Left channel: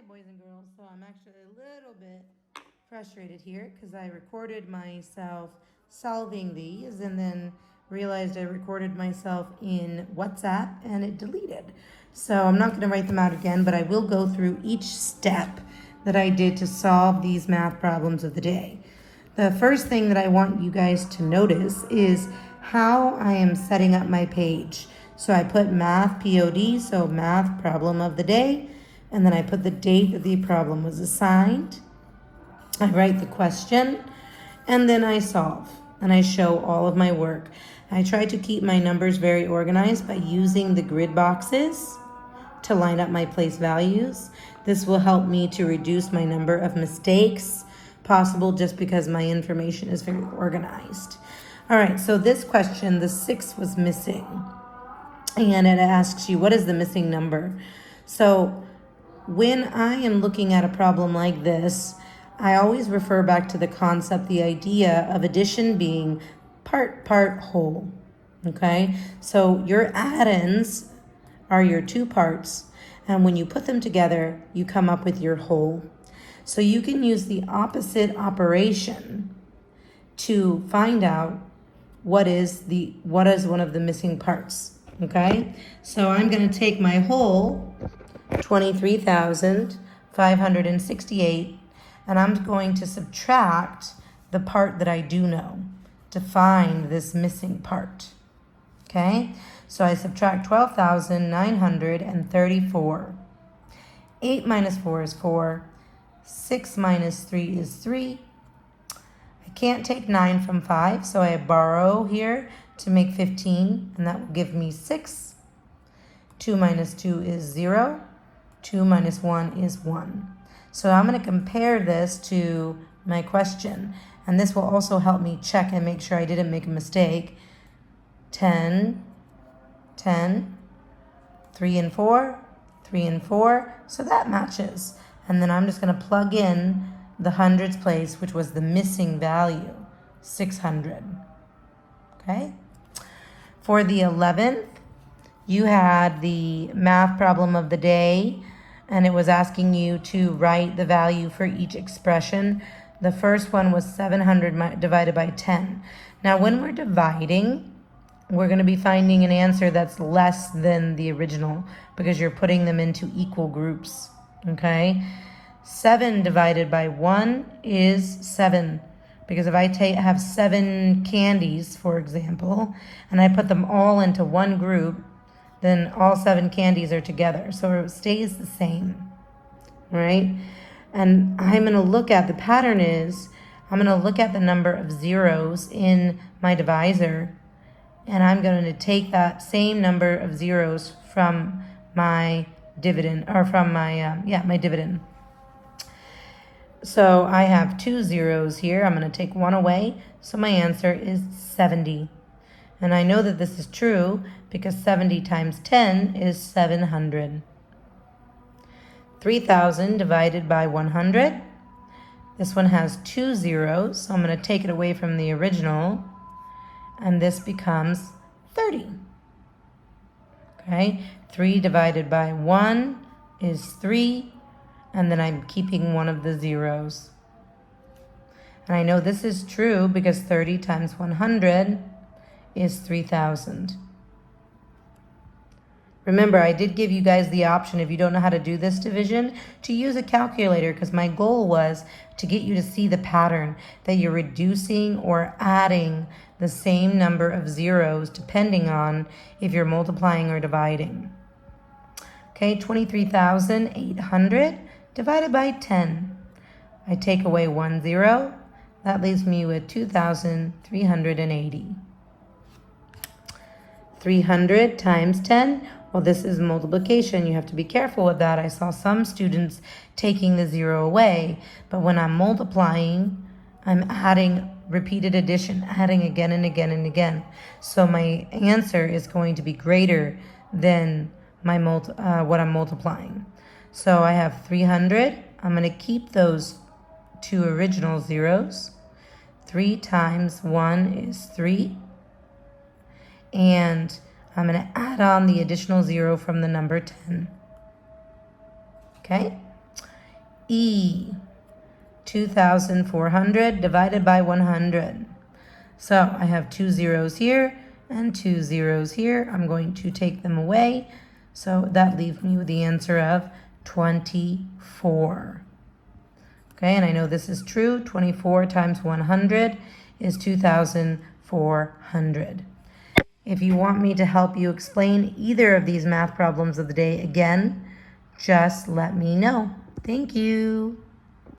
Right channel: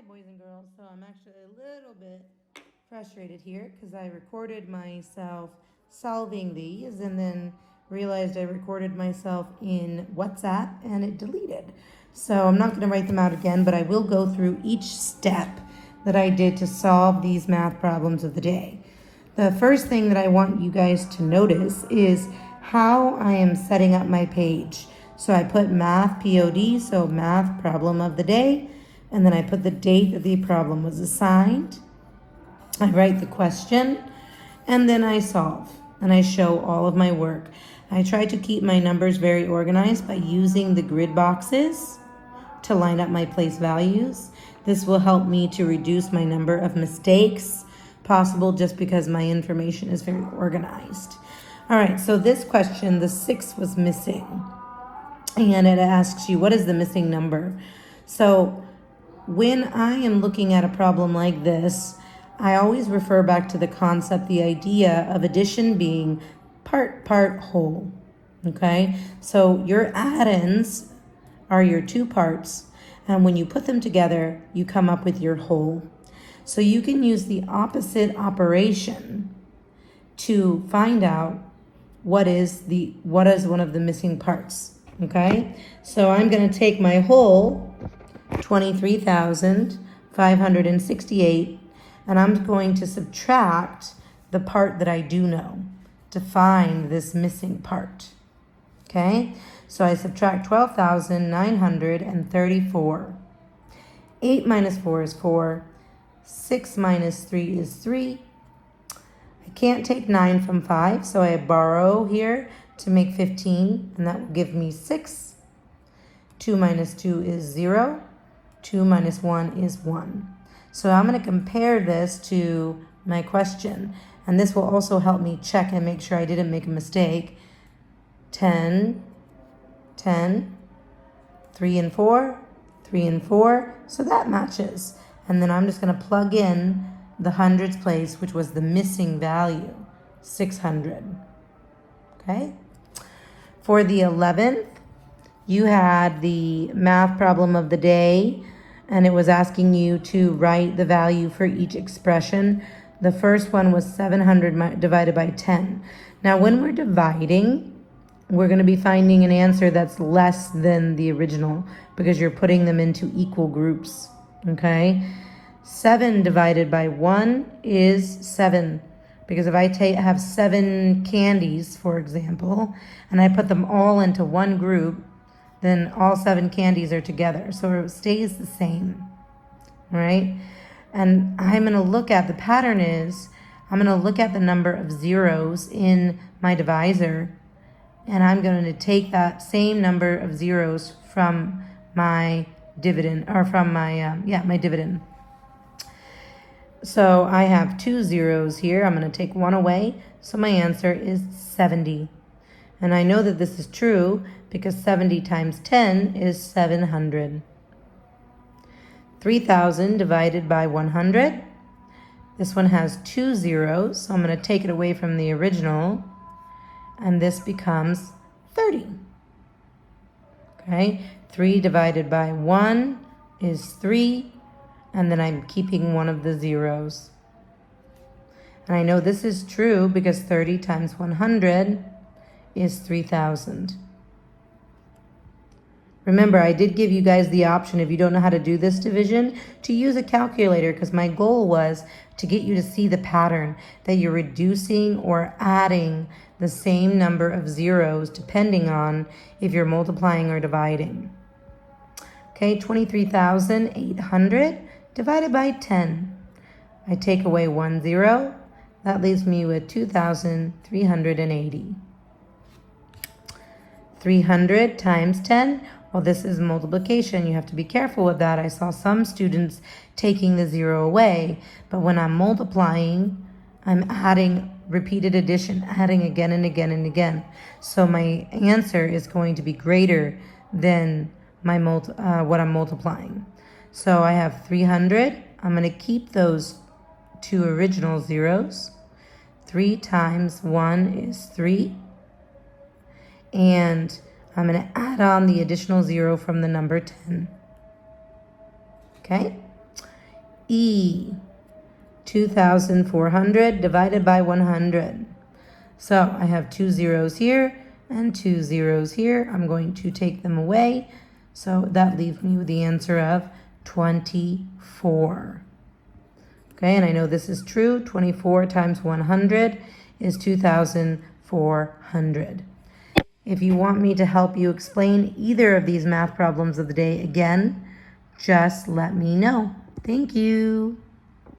Hi, boys and girls. So I'm actually a little bit frustrated here because I recorded myself solving these and then realized I recorded myself in WhatsApp and it deleted. So I'm not going to write them out again, but I will go through each step that I did to solve these math problems of the day. The first thing that I want you guys to notice is how I am setting up my page. So I put math POD, so math problem of the day, and then I put the date that the problem was assigned. I write the question, and then I solve, and I show all of my work. I try to keep my numbers very organized by using the grid boxes to line up my place values. This will help me to reduce my number of mistakes possible just because my information is very organized. All right, so this question, the 6 was missing. And it asks you, what is the missing number? So when I am looking at a problem like this, I always refer back to the concept, the idea of addition being part, whole. Okay, so your addends are your two parts, and when you put them together, you come up with your whole. So you can use the opposite operation to find out what is one of the missing parts. Okay, so I'm going to take my whole 23,568 and I'm going to subtract the part that I do know to find this missing part. Okay, so I subtract 12,934. 8 minus 4 is 4. 6 minus 3 is 3. I can't take 9 from 5, so I borrow here to make 15, and that will give me 6. 2 minus 2 is 0. 2 minus 1 is 1. So I'm going to compare this to my question, and this will also help me check and make sure I didn't make a mistake. 10, 10, 3 and 4, 3 and 4, so that matches. And then I'm just going to plug in the hundreds place, which was the missing value, 600. Okay? For the 11th, you had the math problem of the day, and it was asking you to write the value for each expression. The first one was 700 divided by 10. Now, when we're dividing, we're going to be finding an answer that's less than the original because you're putting them into equal groups. Okay? 7 divided by 1 is 7. Because if I have 7 candies, for example, and I put them all into one group, then all 7 candies are together. So it stays the same. All right? And I'm going to look at, the pattern is, I'm going to look at the number of zeros in my divisor, and I'm going to take that same number of zeros from my dividend, or from my, my dividend. So I have 2 zeros here. I'm going to take 1 away. So my answer is 70. And I know that this is true because 70 times 10 is 700. 3,000 divided by 100. This one has 2 zeros. So I'm going to take it away from the original. And this becomes 30. Okay. 3 divided by 1 is 3. And then I'm keeping one of the zeros. And I know this is true because 30 times 100 is 3,000. Remember, I did give you guys the option, if you don't know how to do this division, to use a calculator, because my goal was to get you to see the pattern, that you're reducing or adding the same number of zeros depending on if you're multiplying or dividing. Okay, 23,800 divided by 10. I take away 1 zero. That leaves me with 2,380. 300 times 10. Well, this is multiplication. You have to be careful of that. I saw some students taking the 0 away, but when I'm multiplying, I'm adding repeated addition, adding again and again and again. So my answer is going to be greater than my what I'm multiplying. So I have 300. I'm going to keep those 2 original zeros. 3 times 1 is 3. And I'm going to add on the additional 0 from the number 10. Okay? E, 2,400 divided by 100. So I have 2 zeros here and 2 zeros here. I'm going to take them away. So that leaves me with the answer of 24. Okay, and I know this is true. 24 times 100 is 2,400. If you want me to help you explain either of these math problems of the day again, just let me know. Thank you.